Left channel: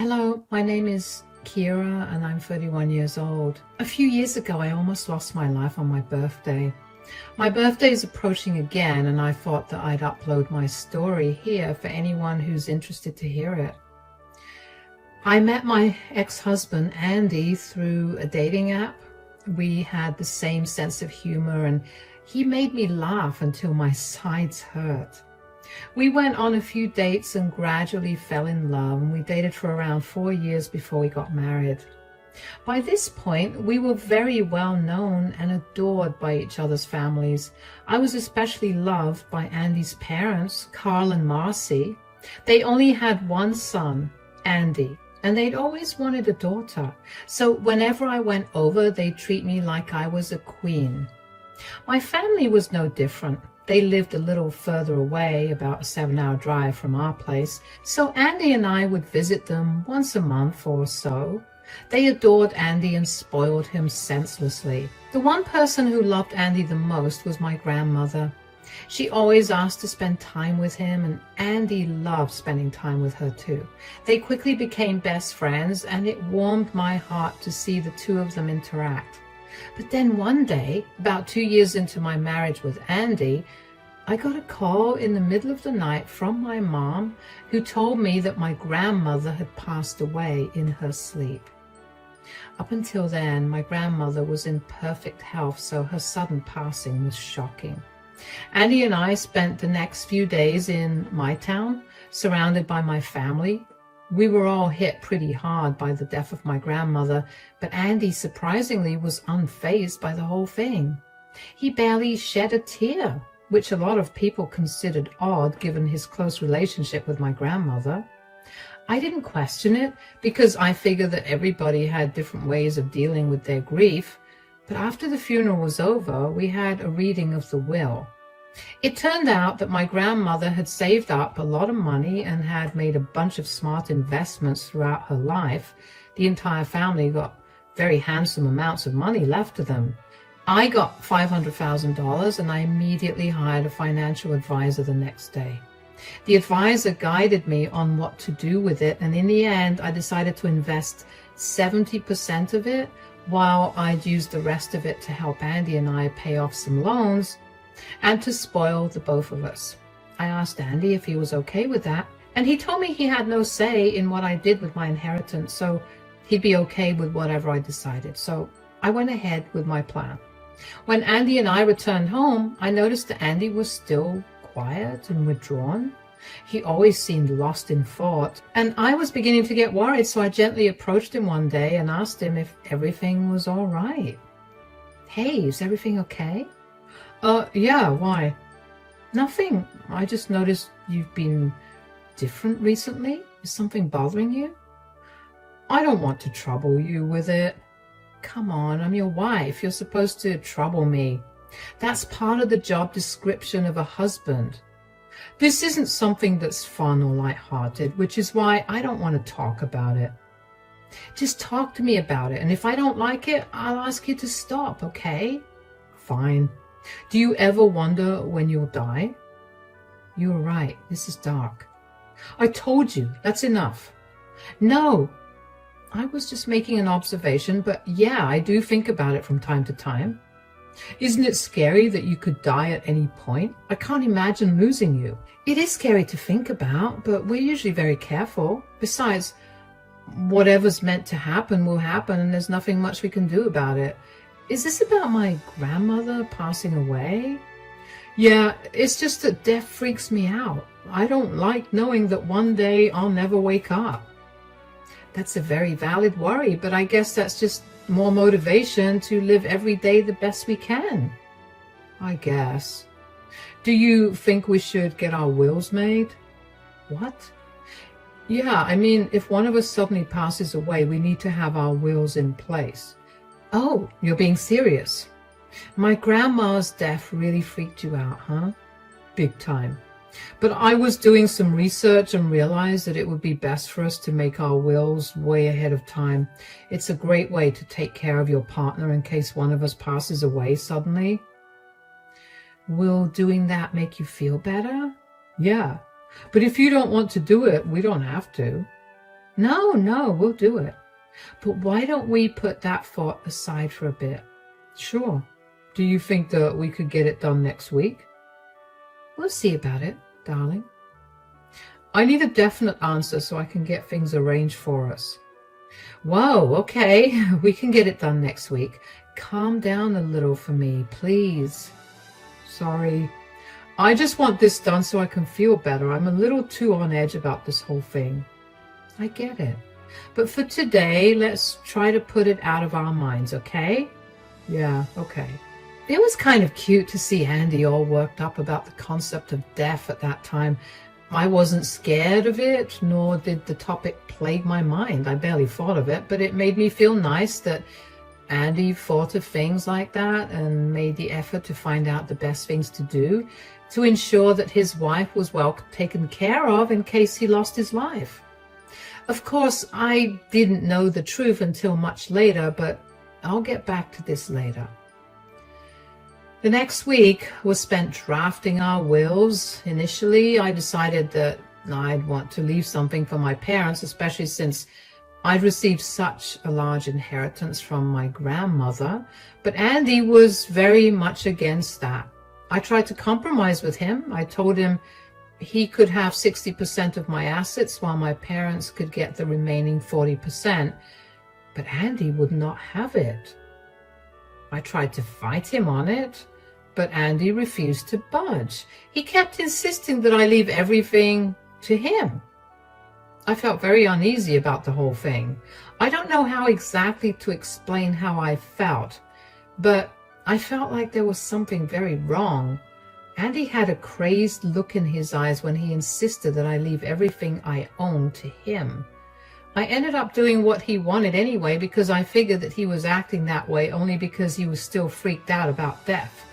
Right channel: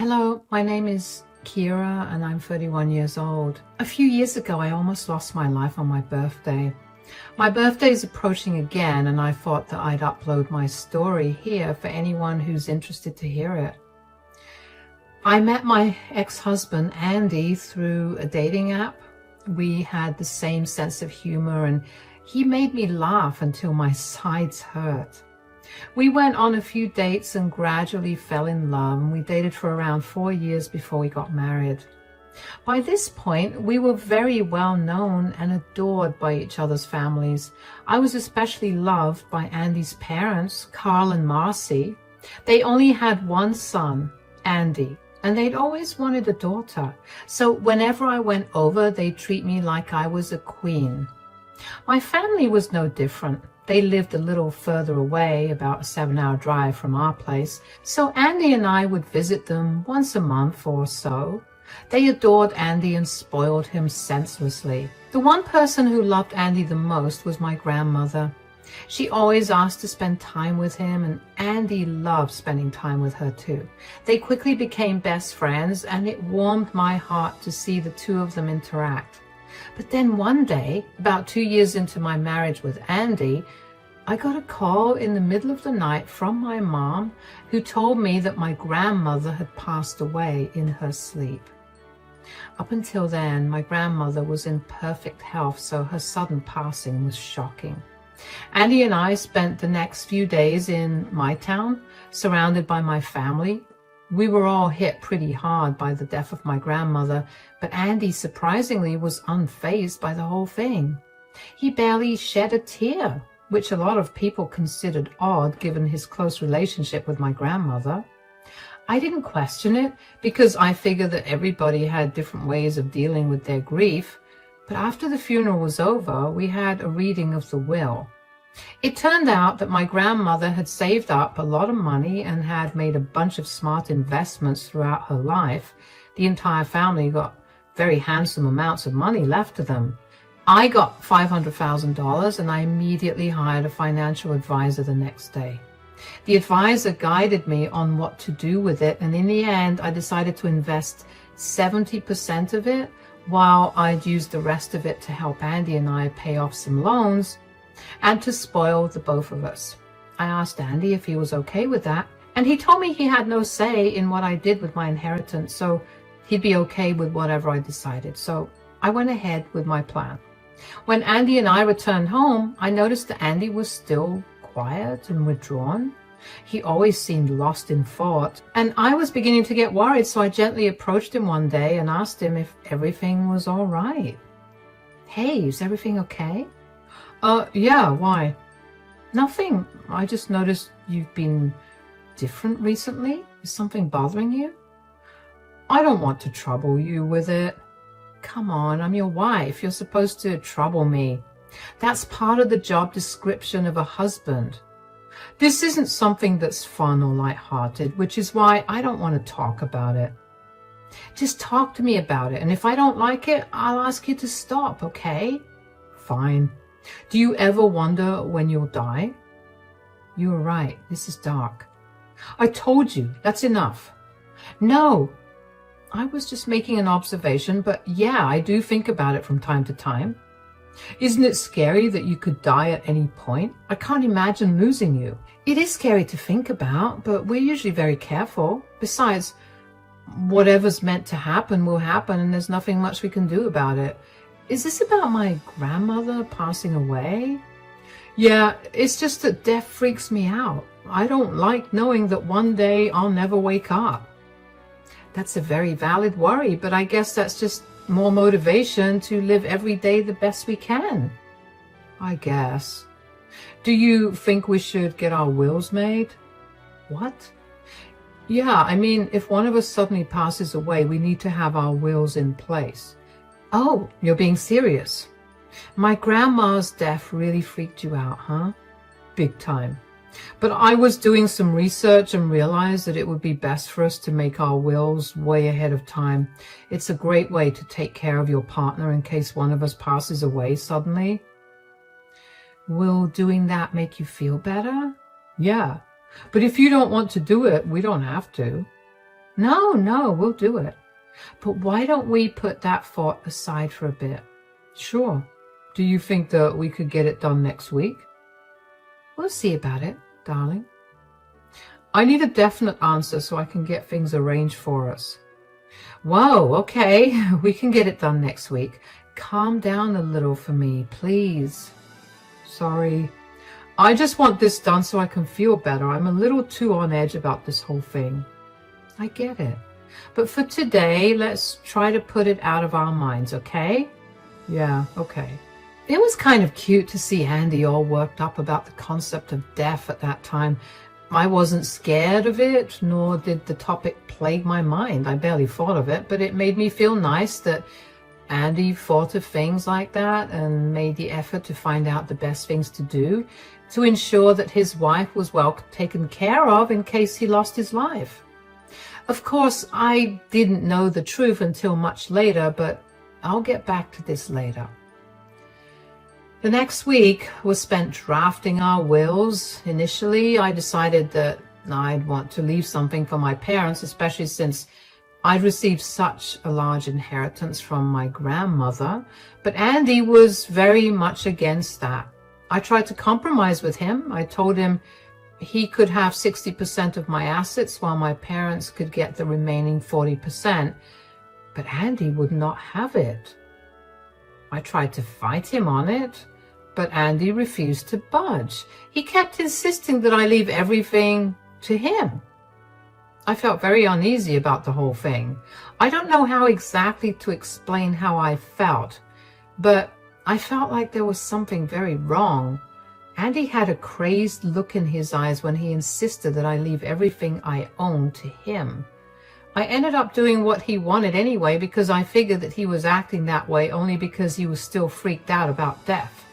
Hello, my name is Kira and I'm 31 years old. A few years ago, I almost lost my life on my birthday. My birthday is approaching again and I thought that I'd upload my story here for anyone who's interested to hear it. I met my ex-husband, Andy, through a dating app. We had the same sense of humor and he made me laugh until my sides hurt. We went on a few dates and gradually fell in love, and we dated for around 4 years before we got married. By this point, we were very well known and adored by each other's families. I was especially loved by Andy's parents, Carl and Marcy. They only had one son, Andy, and they'd always wanted a daughter. So whenever I went over, they'd treat me like I was a queen. My family was no different. They lived a little further away, about a 7-hour drive from our place, so Andy and I would visit them once a month or so. They adored Andy and spoiled him senselessly. The one person who loved Andy the most was my grandmother. She always asked to spend time with him, and Andy loved spending time with her too. They quickly became best friends, and it warmed my heart to see the two of them interact. But then one day, about 2 years into my marriage with Andy, I got a call in the middle of the night from my mom, who told me that my grandmother had passed away in her sleep. Up until then, my grandmother was in perfect health, so her sudden passing was shocking. Andy and I spent the next few days in my town, surrounded by my family. We were all hit pretty hard by the death of my grandmother, but Andy surprisingly was unfazed by the whole thing. He barely shed a tear, which a lot of people considered odd given his close relationship with my grandmother. I didn't question it because I figured that everybody had different ways of dealing with their grief, but after the funeral was over, we had a reading of the will. It turned out that my grandmother had saved up a lot of money and had made a bunch of smart investments throughout her life. The entire family got very handsome amounts of money left to them. I got $500,000 and I immediately hired a financial advisor the next day. The advisor guided me on what to do with it, and in the end, I decided to invest 70% of it while I'd use the rest of it to help Andy and I pay off some loans and to spoil the both of us. I asked Andy if he was okay with that, and he told me he had no say in what I did with my inheritance, so he'd be okay with whatever I decided. So I went ahead with my plan. When Andy and I returned home, I noticed that Andy was still quiet and withdrawn. He always seemed lost in thought, and I was beginning to get worried, so I gently approached him one day and asked him if everything was all right. Hey, is everything okay? Yeah, why? Nothing. I just noticed you've been different recently. Is something bothering you? I don't want to trouble you with it. Come on, I'm your wife. You're supposed to trouble me. That's part of the job description of a husband. This isn't something that's fun or lighthearted, which is why I don't want to talk about it. Just talk to me about it, and if I don't like it, I'll ask you to stop, okay? Fine. Do you ever wonder when you'll die? You were right. This is dark. I told you. That's enough. No. I was just making an observation, but yeah, I do think about it from time to time. Isn't it scary that you could die at any point? I can't imagine losing you. It is scary to think about, but we're usually very careful. Besides, whatever's meant to happen will happen, and there's nothing much we can do about it. Is this about my grandmother passing away? Yeah, it's just that death freaks me out. I don't like knowing that one day I'll never wake up. That's a very valid worry, but I guess that's just more motivation to live every day the best we can. I guess. Do you think we should get our wills made? What? Yeah, I mean, if one of us suddenly passes away, we need to have our wills in place. Oh, you're being serious. My grandma's death really freaked you out, huh? Big time. But I was doing some research and realized that it would be best for us to make our wills way ahead of time. It's a great way to take care of your partner in case one of us passes away suddenly. Will doing that make you feel better? Yeah, but if you don't want to do it, we don't have to. No, we'll do it. But why don't we put that thought aside for a bit? Sure. Do you think that we could get it done next week? We'll see about it, darling. I need a definite answer so I can get things arranged for us. Whoa, okay, we can get it done next week. Calm down a little for me, please. Sorry. I just want this done so I can feel better. I'm a little too on edge about this whole thing. I get it. But for today, let's try to put it out of our minds, okay? Yeah, okay. It was kind of cute to see Andy all worked up about the concept of death at that time. I wasn't scared of it, nor did the topic plague my mind. I barely thought of it, but it made me feel nice that Andy thought of things like that and made the effort to find out the best things to do to ensure that his wife was well taken care of in case he lost his life. Of course, I didn't know the truth until much later, but I'll get back to this later. The next week was spent drafting our wills. Initially, I decided that I'd want to leave something for my parents, especially since I'd received such a large inheritance from my grandmother. But Andy was very much against that. I tried to compromise with him. I told him he could have 60% of my assets while my parents could get the remaining 40%. But Andy would not have it. I tried to fight him on it, but Andy refused to budge. He kept insisting that I leave everything to him. I felt very uneasy about the whole thing. I don't know how exactly to explain how I felt, but I felt like there was something very wrong. Andy had a crazed look in his eyes when he insisted that I leave everything I owned to him. I ended up doing what he wanted anyway because I figured that he was acting that way only because he was still freaked out about death.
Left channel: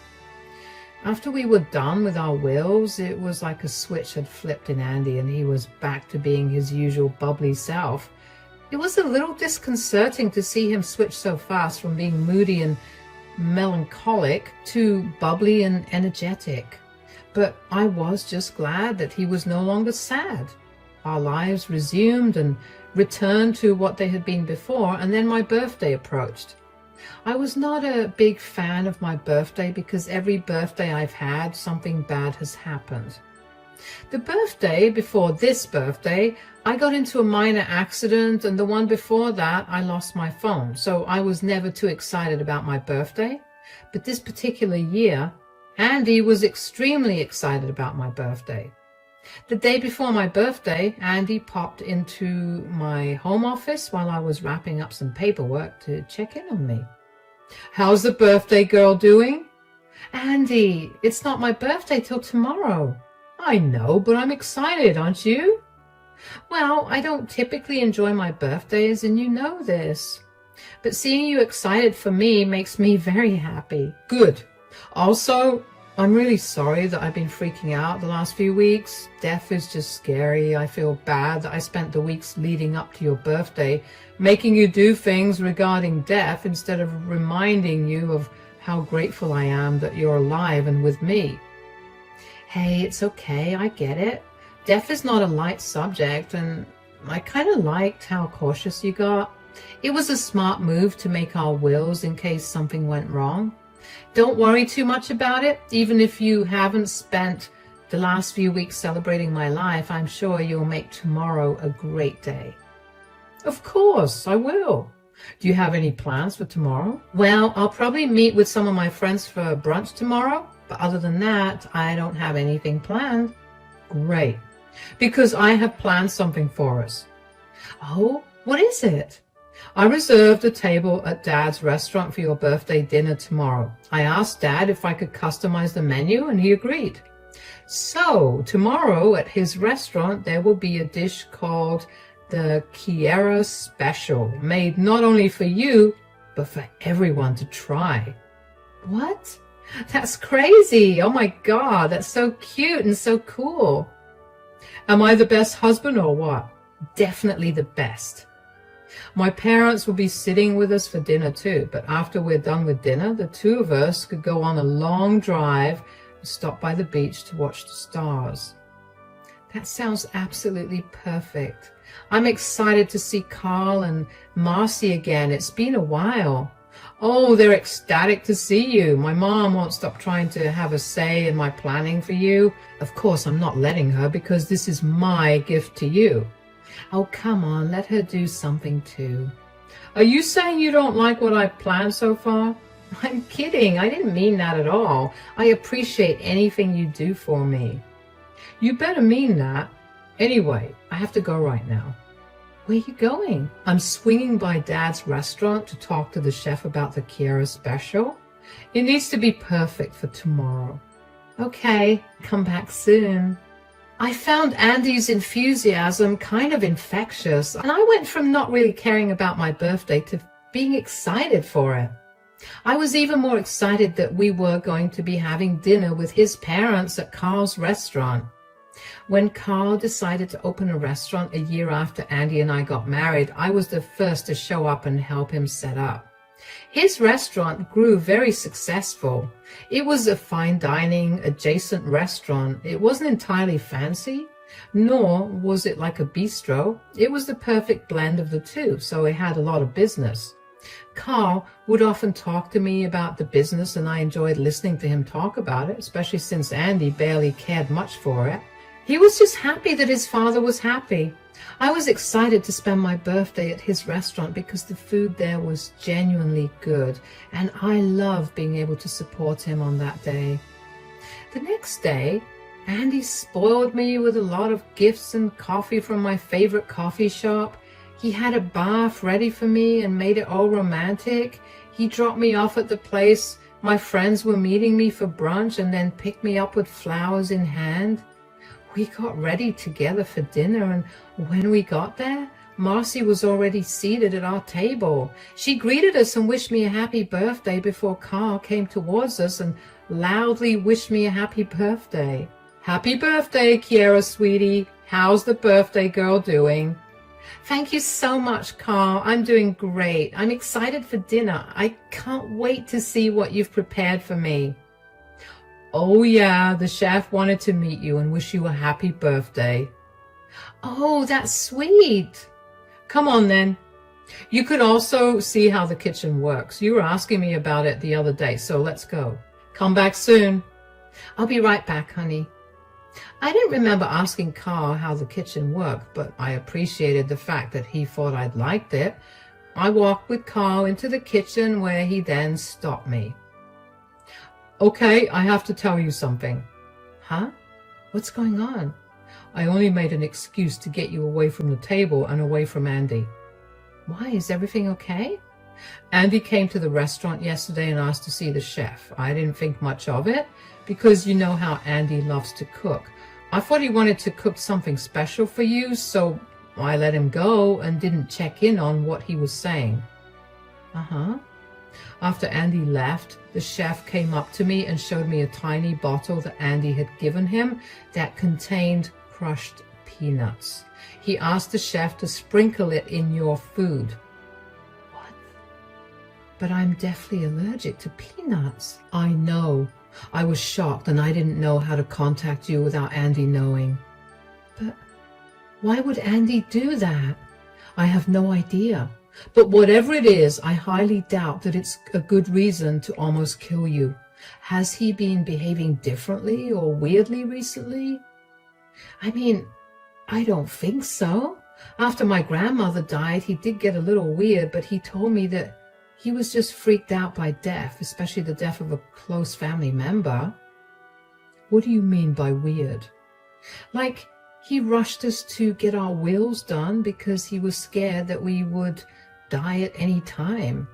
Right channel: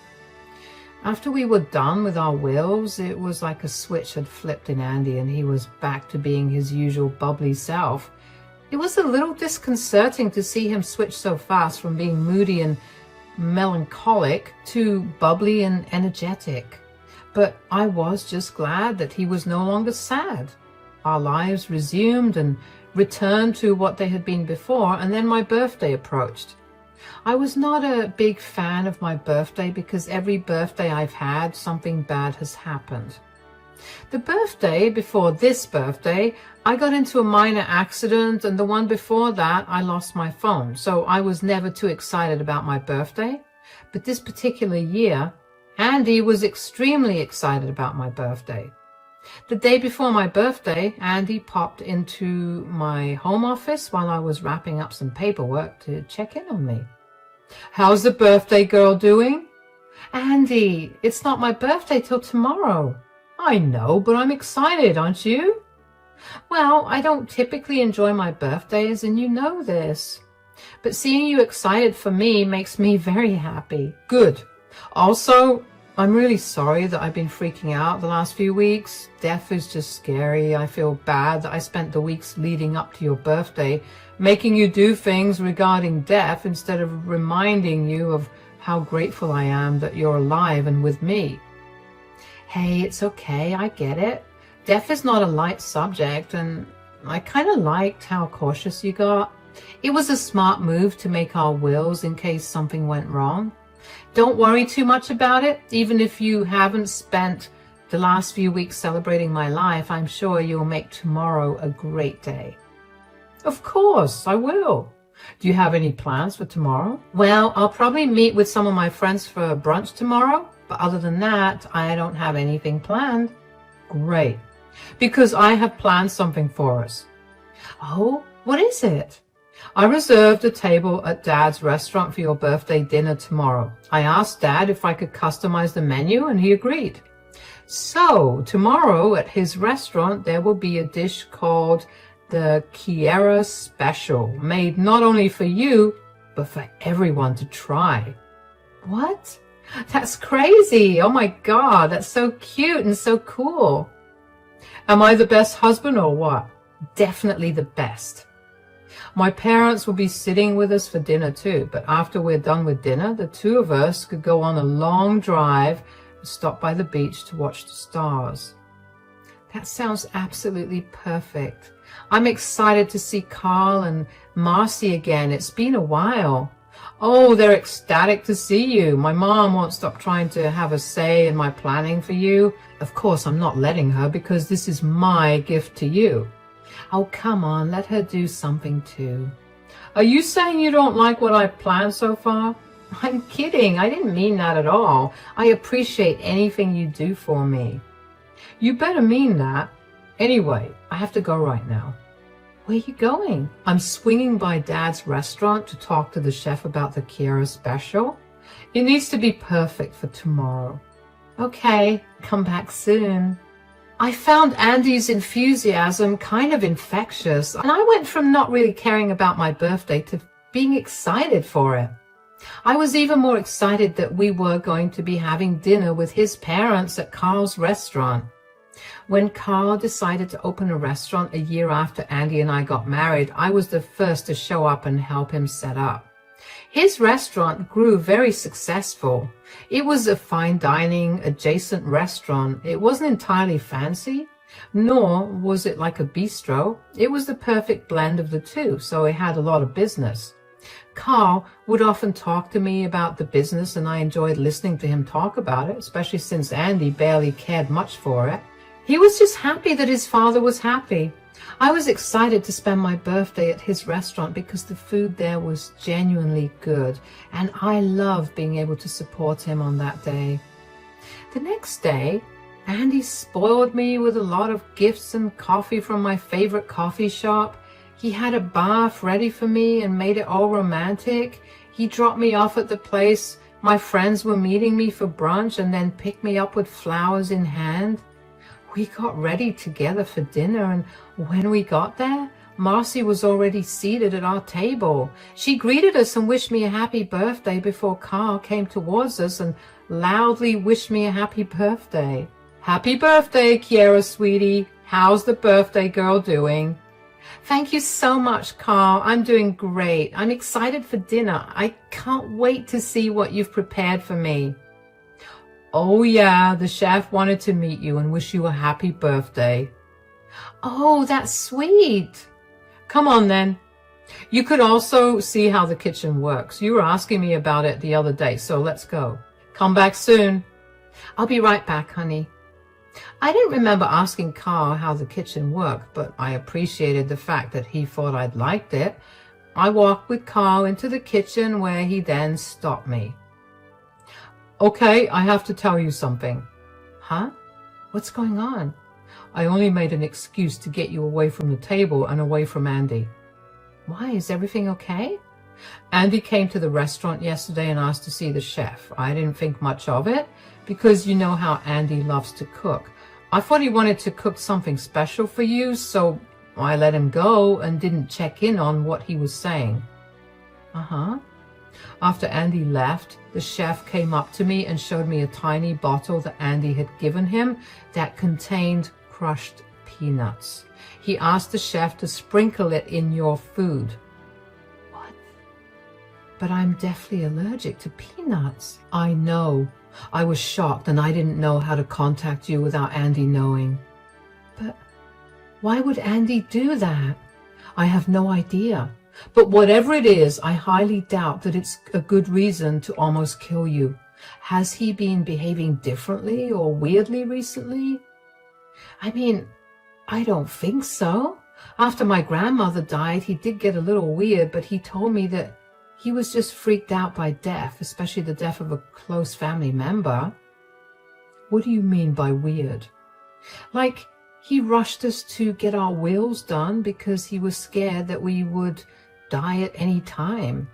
After we were done with our wills, it was like a switch had flipped in Andy and he was back to being his usual bubbly self. It was a little disconcerting to see him switch so fast from being moody and melancholic to bubbly and energetic. But I was just glad that he was no longer sad. Our lives resumed and returned to what they had been before, and then my birthday approached. I was not a big fan of my birthday because every birthday I've had, something bad has happened. The birthday before this birthday, I got into a minor accident, and the one before that, I lost my phone. So I was never too excited about my birthday. But this particular year, Andy was extremely excited about my birthday. The day before my birthday, Andy popped into my home office while I was wrapping up some paperwork to check in on me. How's the birthday girl doing? Andy, it's not my birthday till tomorrow. I know, but I'm excited, aren't you? Well, I don't typically enjoy my birthdays, and you know this. But seeing you excited for me makes me very happy. Good. Also, I'm really sorry that I've been freaking out the last few weeks. Death is just scary. I feel bad that I spent the weeks leading up to your birthday making you do things regarding death instead of reminding you of how grateful I am that you're alive and with me. Hey, it's okay. I get it. Death is not a light subject, and I kind of liked how cautious you got. It was a smart move to make our wills in case something went wrong. Don't worry too much about it. Even if you haven't spent the last few weeks celebrating my life, I'm sure you'll make tomorrow a great day. Of course, I will. Do you have any plans for tomorrow? Well, I'll probably meet with some of my friends for brunch tomorrow, but other than that, I don't have anything planned. Great, because I have planned something for us. Oh, what is it? I reserved a table at Dad's restaurant for your birthday dinner tomorrow. I asked Dad if I could customize the menu, and he agreed. So, tomorrow at his restaurant, there will be a dish called the Kiera Special, made not only for you, but for everyone to try. What? That's crazy. Oh my God, that's so cute and so cool. Am I the best husband or what? Definitely the best. My parents will be sitting with us for dinner too, but after we're done with dinner, the two of us could go on a long drive and stop by the beach to watch the stars. That sounds absolutely perfect. I'm excited to see Carl and Marcy again. It's been a while. Oh, they're ecstatic to see you. My mom won't stop trying to have a say in my planning for you. Of course, I'm not letting her because this is my gift to you. Oh, come on, let her do something too. Are you saying you don't like what I've planned so far? I'm kidding. I didn't mean that at all. I appreciate anything you do for me. You better mean that. Anyway, I have to go right now. Where are you going? I'm swinging by Dad's restaurant to talk to the chef about the Kiera special. It needs to be perfect for tomorrow. Okay, come back soon. I found Andy's enthusiasm kind of infectious, and I went from not really caring about my birthday to being excited for it. I was even more excited that we were going to be having dinner with his parents at Carl's restaurant. When Carl decided to open a restaurant a year after Andy and I got married, I was the first to show up and help him set up. His restaurant grew very successful. It was a fine dining adjacent restaurant. It wasn't entirely fancy, nor was it like a bistro. It was the perfect blend of the two, so it had a lot of business. Carl would often talk to me about the business, and I enjoyed listening to him talk about it, especially since Andy barely cared much for it. He was just happy that his father was happy. I was excited to spend my birthday at his restaurant because the food there was genuinely good, and I loved being able to support him on that day. The next day, Andy spoiled me with a lot of gifts and coffee from my favorite coffee shop. He had a bath ready for me and made it all romantic. He dropped me off at the place my friends were meeting me for brunch and then picked me up with flowers in hand. We got ready together for dinner, and when we got there, Marcy was already seated at our table. She greeted us and wished me a happy birthday before Carl came towards us and loudly wished me a happy birthday. Happy birthday, Kiera, sweetie. How's the birthday girl doing? Thank you so much, Carl. I'm doing great. I'm excited for dinner. I can't wait to see what you've prepared for me. Oh yeah, the chef wanted to meet you and wish you a happy birthday. Oh, that's sweet. Come on then. You could also see how the kitchen works. You were asking me about it the other day, so let's go. Come back soon. I'll be right back, honey. I didn't remember asking Carl how the kitchen worked, but I appreciated the fact that he thought I'd liked it. I walked with Carl into the kitchen where he then stopped me. Okay, I have to tell you something. Huh? What's going on? I only made an excuse to get you away from the table and away from Andy. Why, is everything okay? Andy came to the restaurant yesterday and asked to see the chef. I didn't think much of it because you know how Andy loves to cook. I thought he wanted to cook something special for you, so I let him go and didn't check in on what he was saying. Uh-huh. After Andy left, the chef came up to me and showed me a tiny bottle that Andy had given him that contained crushed peanuts. He asked the chef to sprinkle it in your food. What? But I'm deathly allergic to peanuts. I know. I was shocked and I didn't know how to contact you without Andy knowing. But why would Andy do that? I have no idea. But whatever it is, I highly doubt that it's a good reason to almost kill you. Has he been behaving differently or weirdly recently? I mean, I don't think so. After my grandmother died, he did get a little weird, but he told me that he was just freaked out by death, especially the death of a close family member. What do you mean by weird? Like, he rushed us to get our wills done because he was scared that we would die at any time.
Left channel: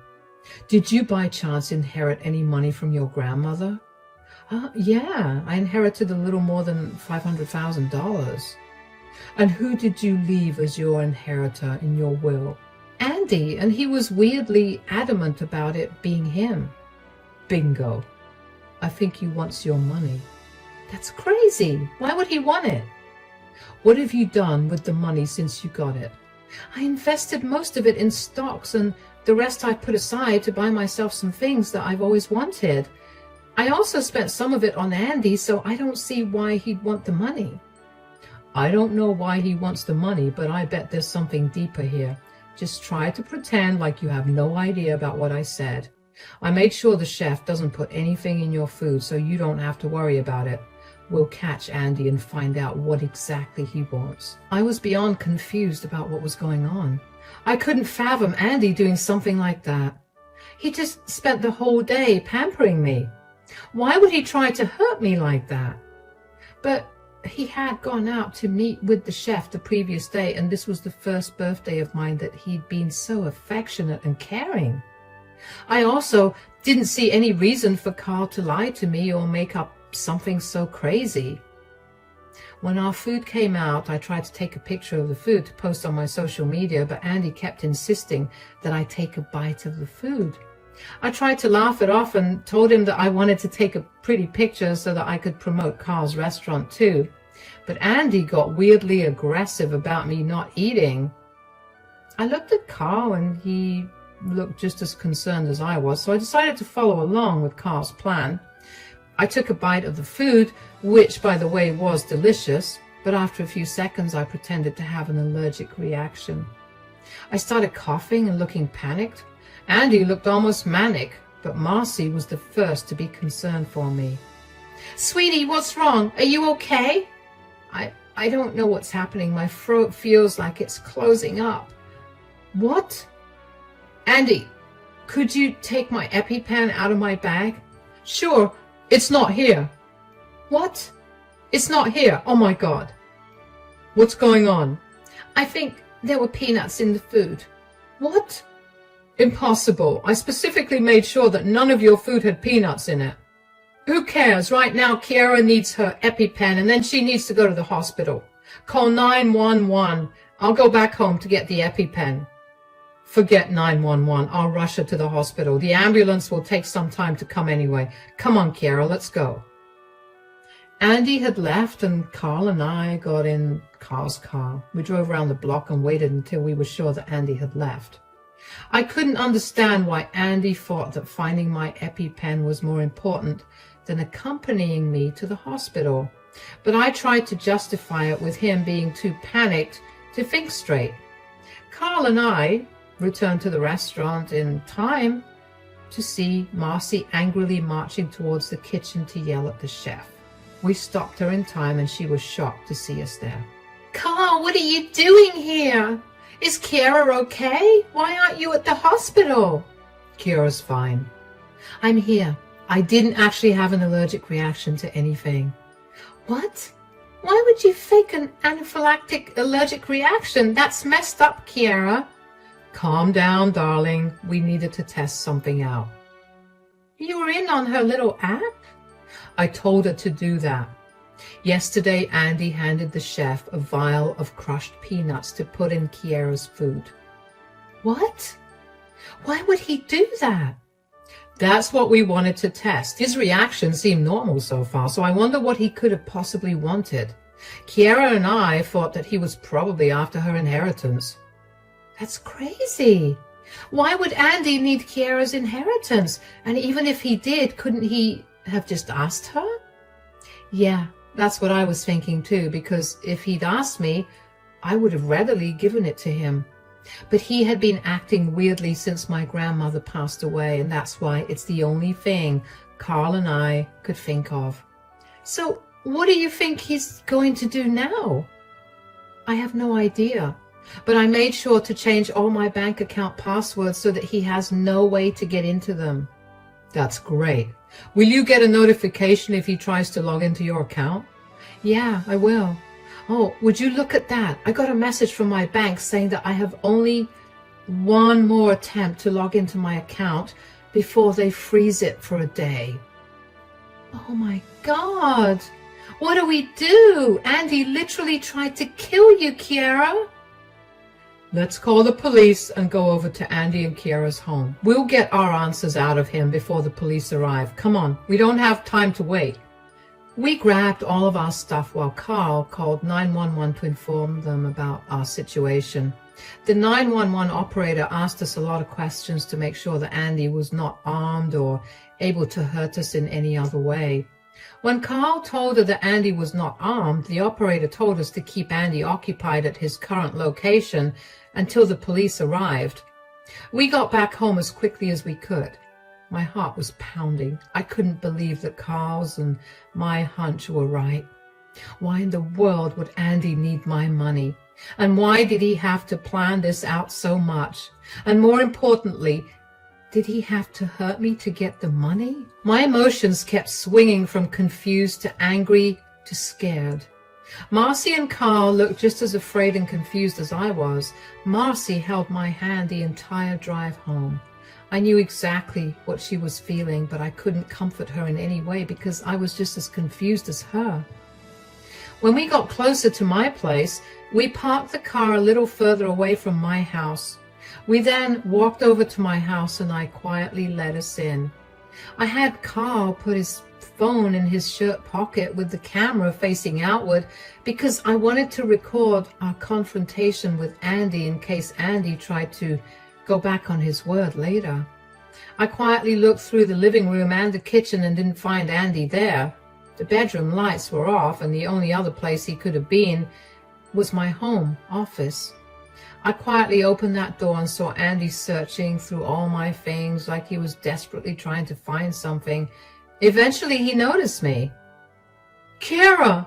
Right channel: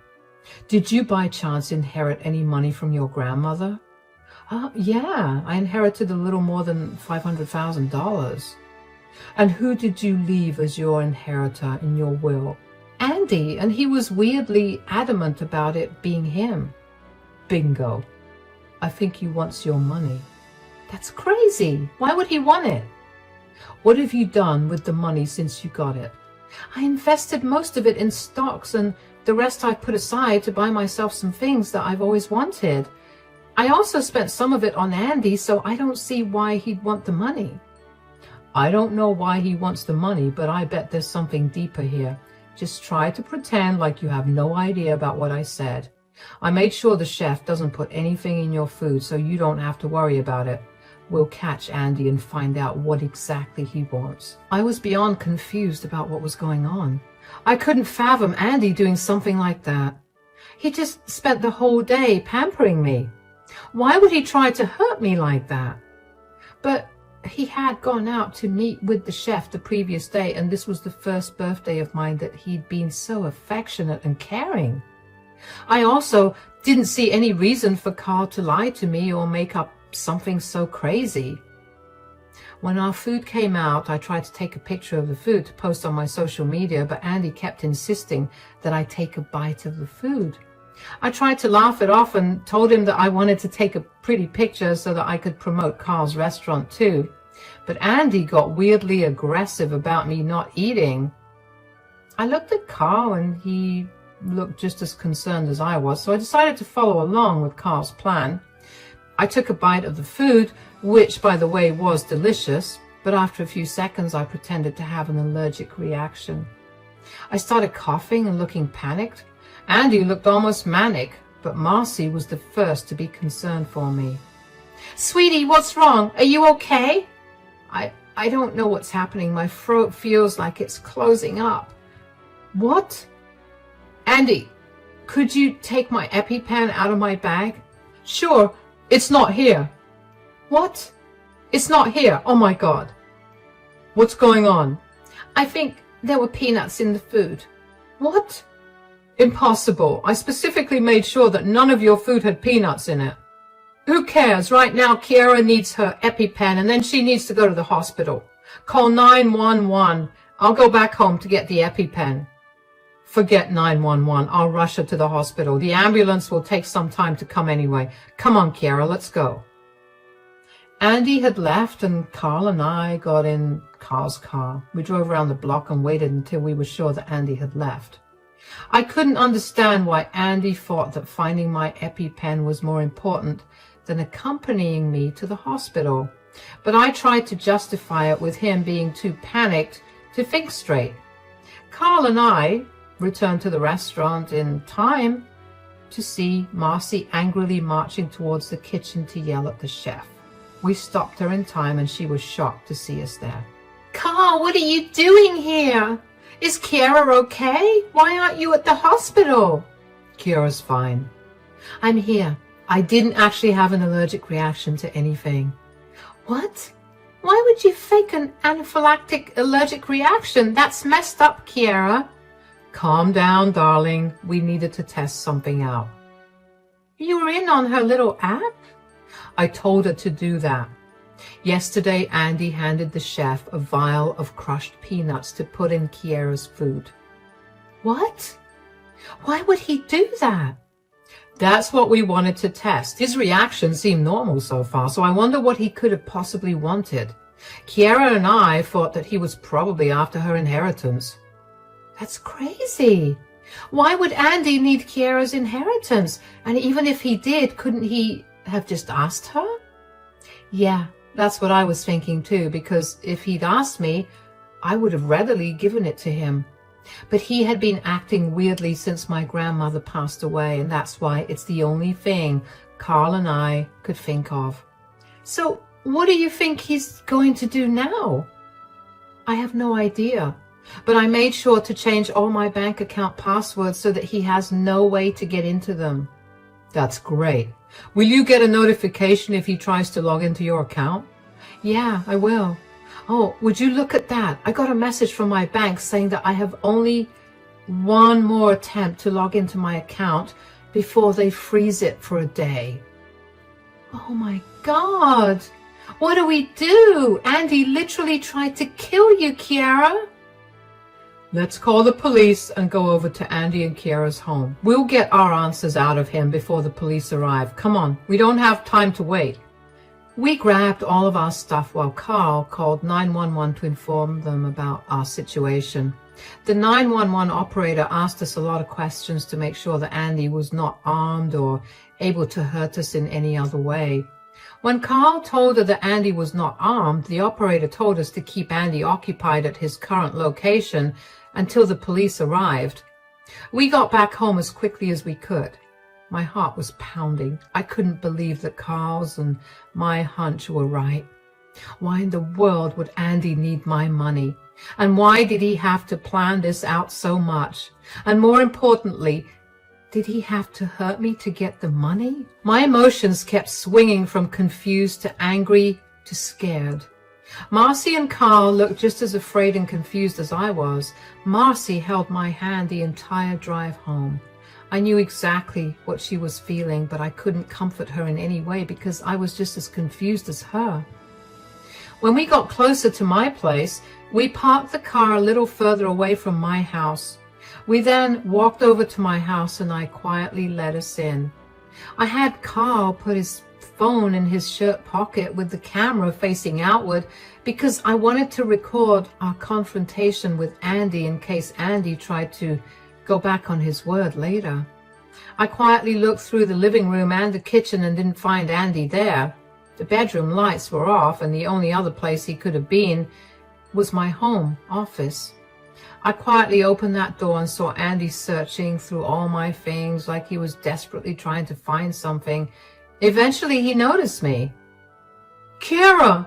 Did you by chance inherit any money from your grandmother? Yeah, I inherited a little more than $500,000. And who did you leave as your inheritor in your will? Andy, and he was weirdly adamant about it being him. Bingo. I think he wants your money. That's crazy. Why would he want it? What have you done with the money since you got it? I invested most of it in stocks and the rest I put aside to buy myself some things that I've always wanted. I also spent some of it on Andy, so I don't see why he'd want the money. I don't know why he wants the money, but I bet there's something deeper here. Just try to pretend like you have no idea about what I said. I made sure the chef doesn't put anything in your food so you don't have to worry about it. We'll catch Andy and find out what exactly he wants. I was beyond confused about what was going on. I couldn't fathom Andy doing something like that. He just spent the whole day pampering me. Why would he try to hurt me like that? But he had gone out to meet with the chef the previous day, and this was the first birthday of mine that he'd been so affectionate and caring. I also didn't see any reason for Carl to lie to me or make up something so crazy. When our food came out, I tried to take a picture of the food to post on my social media, but Andy kept insisting that I take a bite of the food. I tried to laugh it off and told him that I wanted to take a pretty picture so that I could promote Carl's restaurant too. But Andy got weirdly aggressive about me not eating. I looked at Carl and he looked just as concerned as I was, so I decided to follow along with Carl's plan. I took a bite of the food, which, by the way, was delicious, but after a few seconds I pretended to have an allergic reaction. I started coughing and looking panicked. Andy looked almost manic, but Marcy was the first to be concerned for me. "Sweetie, what's wrong? Are you okay?" I don't know what's happening. My throat feels like it's closing up. "What?" "Andy, could you take my EpiPen out of my bag?" "Sure, it's not here." "What? It's not here? Oh my God." "What's going on?" "I think there were peanuts in the food." "What?" "Impossible. I specifically made sure that none of your food had peanuts in it." "Who cares? Right now, Kiara needs her EpiPen, and then she needs to go to the hospital. Call 911. I'll go back home to get the EpiPen." "Forget 911. I'll rush her to the hospital. The ambulance will take some time to come anyway. Come on, Kiara, let's go." Andy had left, and Carl and I got in Carl's car. We drove around the block and waited until we were sure that Andy had left. I couldn't understand why Andy thought that finding my EpiPen was more important than accompanying me to the hospital, but I tried to justify it with him being too panicked to think straight. Carl and I returned to the restaurant in time to see Marcy angrily marching towards the kitchen to yell at the chef. We stopped her in time and she was shocked to see us there. "Carl, what are you doing here? Is Kiara okay? Why aren't you at the hospital?" "Kiara's fine." "I'm here. I didn't actually have an allergic reaction to anything." "What? Why would you fake an anaphylactic allergic reaction? That's messed up, Kiara." "Calm down, darling. We needed to test something out." "You were in on her little app?" "I told her to do that. Yesterday, Andy handed the chef a vial of crushed peanuts to put in Kiara's food." "What? Why would he do that?" "That's what we wanted to test. His reaction seemed normal so far, so I wonder what he could have possibly wanted. Kiara and I thought that he was probably after her inheritance." "That's crazy. Why would Andy need Kiara's inheritance? And even if he did, couldn't he have just asked her?" "Yeah, that's what I was thinking too, because if he'd asked me, I would have readily given it to him. But he had been acting weirdly since my grandmother passed away, and that's why it's the only thing Carl and I could think of." "So what do you think he's going to do now?" "I have no idea, but I made sure to change all my bank account passwords so that he has no way to get into them." "That's great. Will you get a notification if he tries to log into your account?" "Yeah, I will. Oh, would you look at that? I got a message from my bank saying that I have only one more attempt to log into my account before they freeze it for a day." "Oh my God. What do we do? Andy literally tried to kill you, Kiara." "Let's call the police and go over to Andy and Kiara's home. We'll get our answers out of him before the police arrive. Come on, we don't have time to wait." We grabbed all of our stuff while Carl called 911 to inform them about our situation. The 911 operator asked us a lot of questions to make sure that Andy was not armed or able to hurt us in any other way. When Carl told her that Andy was not armed, the operator told us to keep Andy occupied at his current location until the police arrived. We got back home as quickly as we could. My heart was pounding. I couldn't believe that Carl's and my hunch were right. Why in the world would Andy need my money? And why did he have to plan this out so much? And more importantly, did he have to hurt me to get the money? My emotions kept swinging from confused to angry to scared. Marcy and Carl looked just as afraid and confused as I was. Marcy held my hand the entire drive home. I knew exactly what she was feeling, but I couldn't comfort her in any way because I was just as confused as her. When we got closer to my place, we parked the car a little further away from my house. We then walked over to my house and I quietly let us in. I had Carl put his phone in his shirt pocket with the camera facing outward because I wanted to record our confrontation with Andy in case Andy tried to go back on his word later. I quietly looked through the living room and the kitchen and didn't find Andy there. The bedroom lights were off and the only other place he could have been was my home office. I quietly opened that door and saw Andy searching through all my things like he was desperately trying to find something. Eventually he noticed me. "Kiera,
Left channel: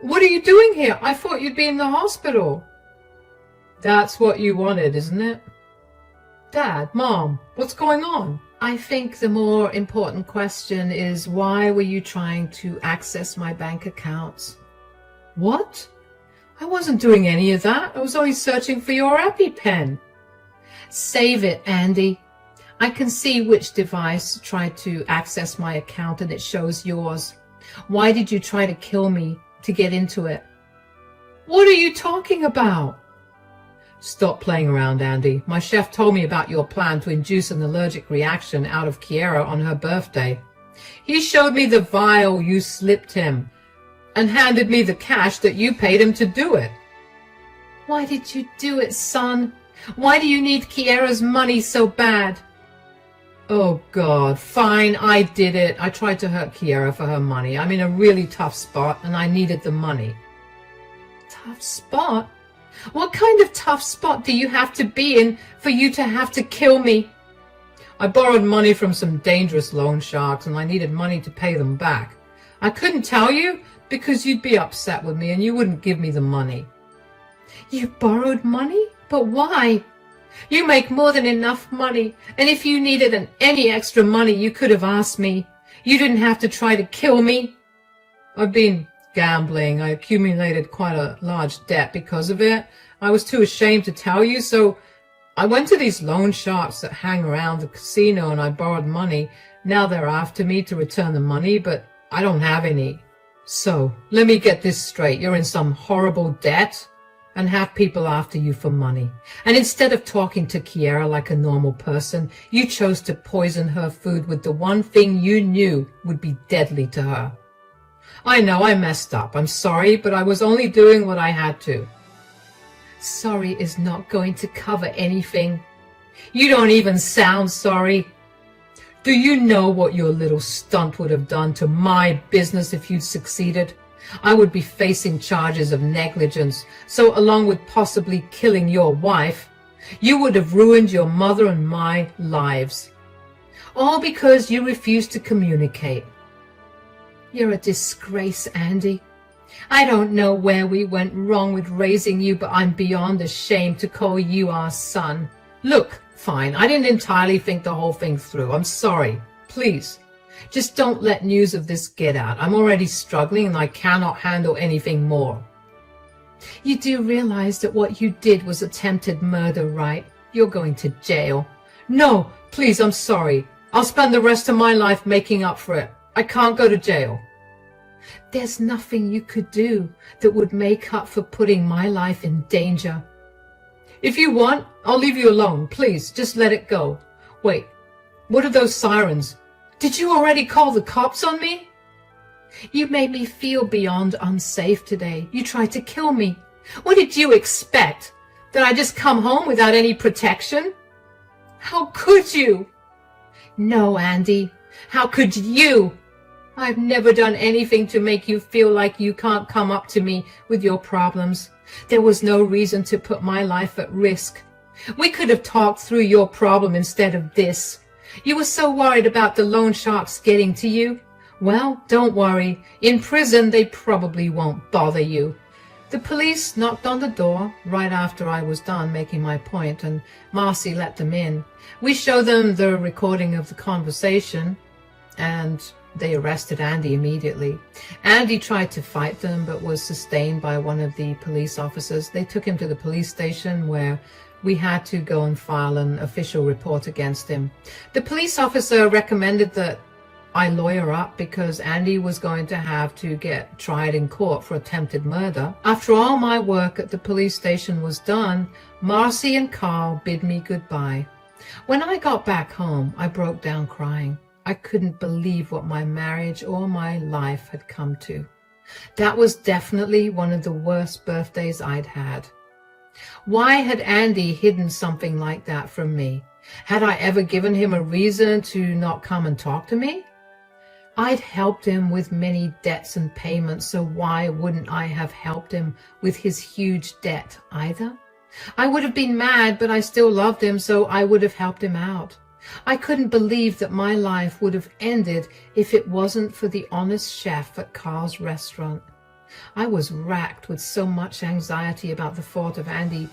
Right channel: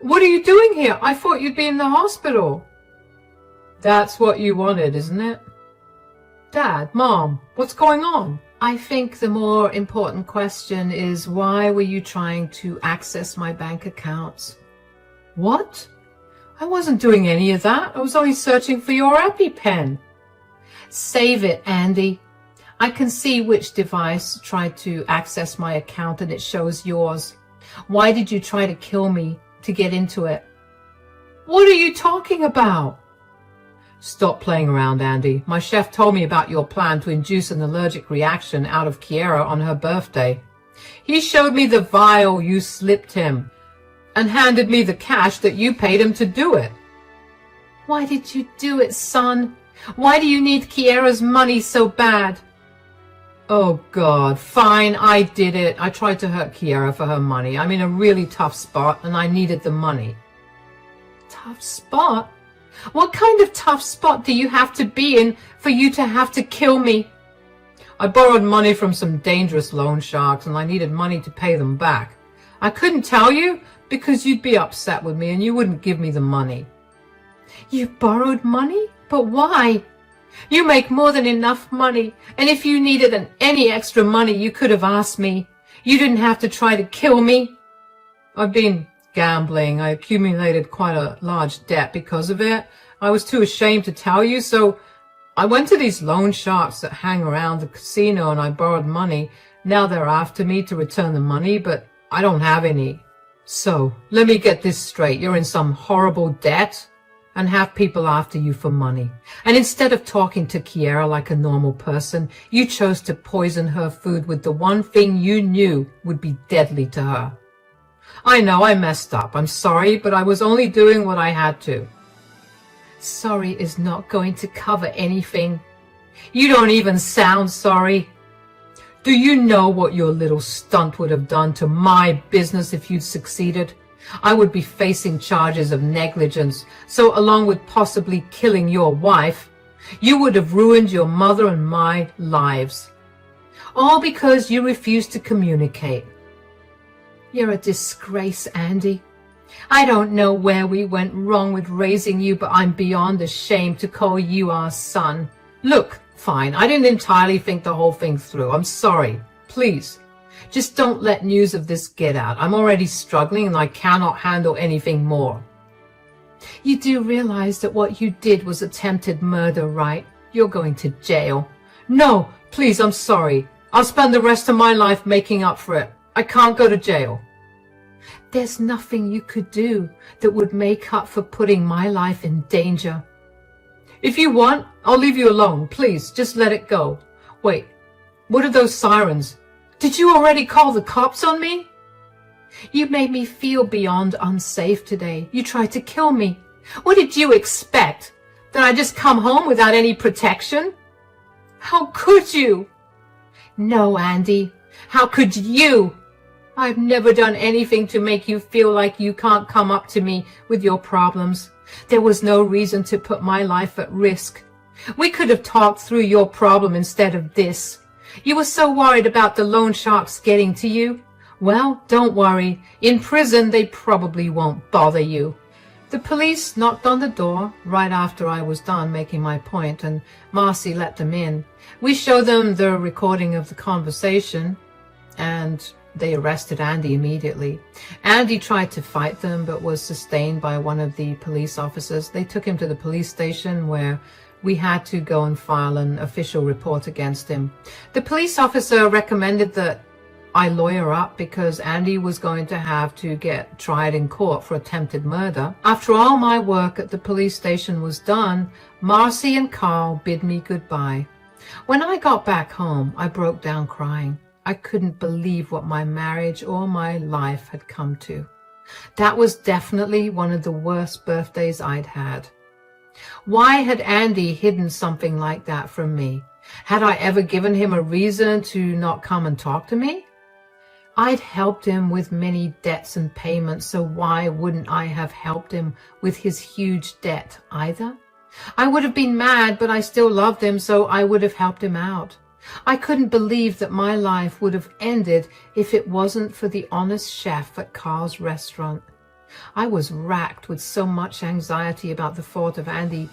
what are you doing here? I thought you'd be in the hospital." "That's what you wanted, isn't it?" "Dad, Mom, what's going on?" I think the more important question is, why were you trying to access my bank accounts? "What? I wasn't doing any of that. I was only searching for your EpiPen." "Save it, Andy. I can see which device tried to access my account and it shows yours. Why did you try to kill me to get into it?" "What are you talking about?" "Stop playing around, Andy. My chef told me about your plan to induce an allergic reaction out of Kiera on her birthday. He showed me the vial you slipped him and handed me the cash that you paid him to do it." "Why did you do it, son? Why do you need Kiera's money so bad?" "Oh, God, fine, I did it. I tried to hurt Kiera for her money. I'm in a really tough spot and I needed the money." "Tough spot? What kind of tough spot do you have to be in for you to have to kill me?" "I borrowed money from some dangerous loan sharks and I needed money to pay them back. I couldn't tell you because you'd be upset with me and you wouldn't give me the money." "You borrowed money? But why? You make more than enough money, and if you needed any extra money, you could have asked me. You didn't have to try to kill me." "I've been gambling. I accumulated quite a large debt because of it. I was too ashamed to tell you, so I went to these loan sharks that hang around the casino and I borrowed money. Now they're after me to return the money, but I don't have any. So, let me get this straight. You're in some horrible debt and have people after you for money. And instead of talking to Kiera like a normal person, you chose to poison her food with the one thing you knew would be deadly to her. I know I messed up. I'm sorry, but I was only doing what I had to." "Sorry is not going to cover anything. You don't even sound sorry. Do you know what your little stunt would have done to my business if you'd succeeded? I would be facing charges of negligence, so along with possibly killing your wife, you would have ruined your mother and my lives. All because you refused to communicate. You're a disgrace, Andy. I don't know where we went wrong with raising you, but I'm beyond ashamed to call you our son. Look, fine, I didn't entirely think the whole thing through. I'm sorry. Please, just don't let news of this get out. I'm already struggling and I cannot handle anything more." "You do realize that what you did was attempted murder, right? You're going to jail." "No, please, I'm sorry. I'll spend the rest of my life making up for it. I can't go to jail." "There's nothing you could do that would make up for putting my life in danger." "If you want, I'll leave you alone. Please, just let it go. Wait, what are those sirens? Did you already call the cops on me?" "You made me feel beyond unsafe today. You tried to kill me. What did you expect? That I just come home without any protection? How could you?" "No, Andy. How could you? I've never done anything to make you feel like you can't come up to me with your problems. There was no reason to put my life at risk. We could have talked through your problem instead of this. You were so worried about the loan sharks getting to you. Well, don't worry. In prison, they probably won't bother you. The police knocked on the door right after I was done making my point, and Marcy let them in. We showed them the recording of the conversation, and they arrested Andy immediately. Andy tried to fight them, but was sustained by one of the police officers. They took him to the police station, where we had to go and file an official report against him. The police officer recommended that I lawyer up because Andy was going to have to get tried in court for attempted murder. After all my work at the police station was done, Marcy and Carl bid me goodbye. When I got back home, I broke down crying. I couldn't believe what my marriage or my life had come to. That was definitely one of the worst birthdays I'd had. Why had Andy hidden something like that from me? Had I ever given him a reason to not come and talk to me? I'd helped him with many debts and payments, so why wouldn't I have helped him with his huge debt either? I would have been mad, but I still loved him, so I would have helped him out. I couldn't believe that my life would have ended if it wasn't for the honest chef at Carl's restaurant. I was racked with so much anxiety about the thought of Andy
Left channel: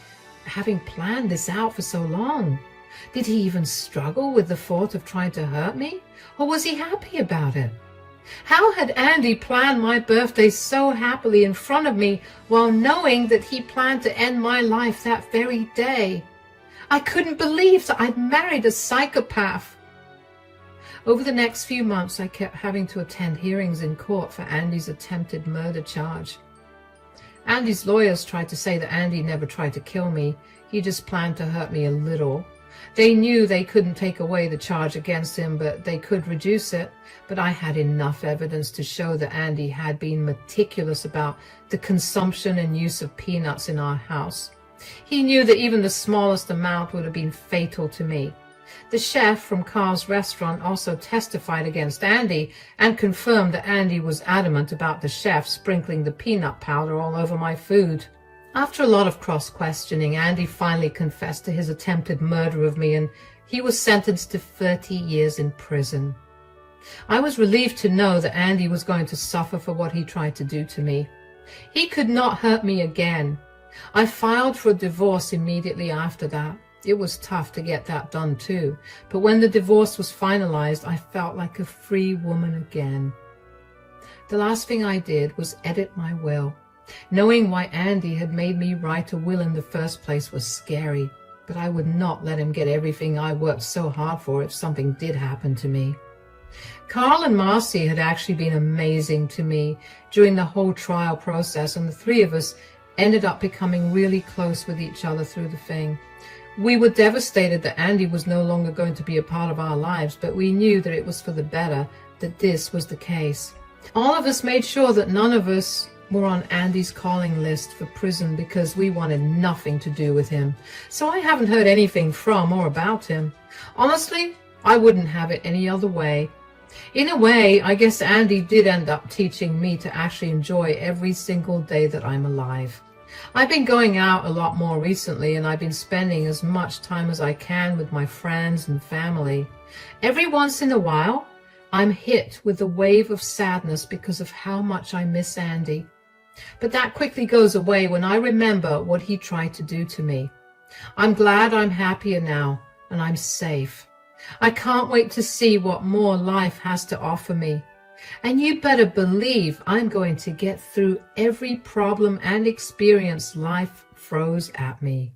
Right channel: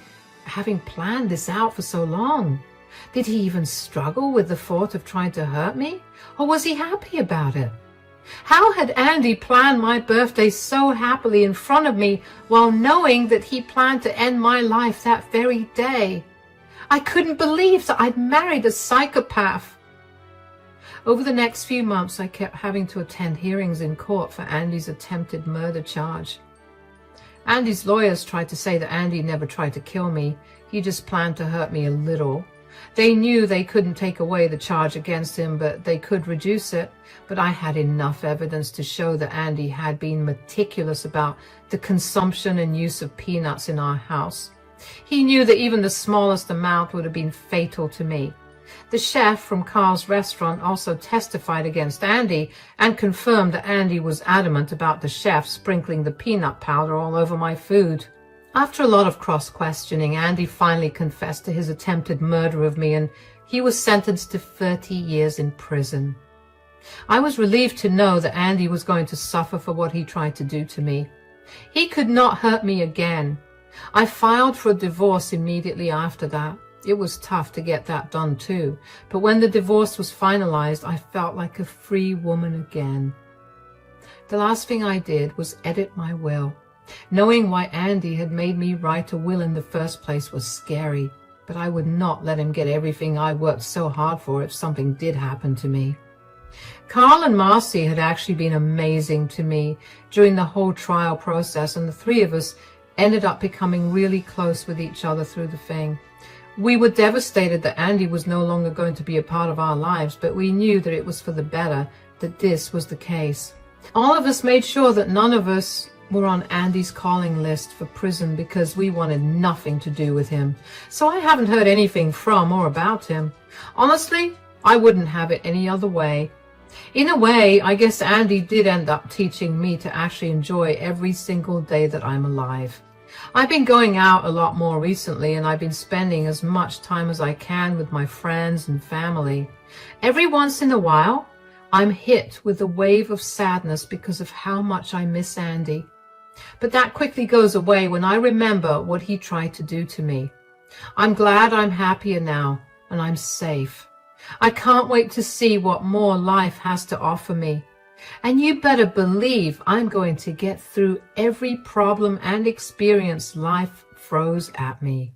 having planned this out for so long. Did he even struggle with the thought of trying to hurt me, or was he happy about it? How had Andy planned my birthday so happily in front of me while knowing that he planned to end my life that very day? I couldn't believe that I'd married a psychopath. Over the next few months, I kept having to attend hearings in court for Andy's attempted murder charge. Andy's lawyers tried to say that Andy never tried to kill me. He just planned to hurt me a little. They knew they couldn't take away the charge against him, but they could reduce it. But I had enough evidence to show that Andy had been meticulous about the consumption and use of peanuts in our house. He knew that even the smallest amount would have been fatal to me. The chef from Carl's restaurant also testified against Andy and confirmed that Andy was adamant about the chef sprinkling the peanut powder all over my food. After a lot of cross-questioning, Andy finally confessed to his attempted murder of me, and he was sentenced to 30 years in prison. I was relieved to know that Andy was going to suffer for what he tried to do to me. He could not hurt me again. I filed for a divorce immediately after that. It was tough to get that done too, but when the divorce was finalized, I felt like a free woman again. The last thing I did was edit my will. Knowing why Andy had made me write a will in the first place was scary, but I would not let him get everything I worked so hard for if something did happen to me. Carl and Marcy had actually been amazing to me during the whole trial process, and the three of us ended up becoming really close with each other through the thing. We were devastated that Andy was no longer going to be a part of our lives, but we knew that it was for the better that this was the case. All of us made sure that none of us were on Andy's calling list for prison because we wanted nothing to do with him. So I haven't heard anything from or about him. Honestly, I wouldn't have it any other way. In a way, I guess Andy did end up teaching me to actually enjoy every single day that I'm alive. I've been going out a lot more recently, and I've been spending as much time as I can with my friends and family. Every once in a while, I'm hit with a wave of sadness because of how much I miss Andy. But that quickly goes away when I remember what he tried to do to me. I'm glad I'm happier now, and I'm safe. I can't wait to see what more life has to offer me. And you better believe I'm going to get through every problem and experience life throws at me.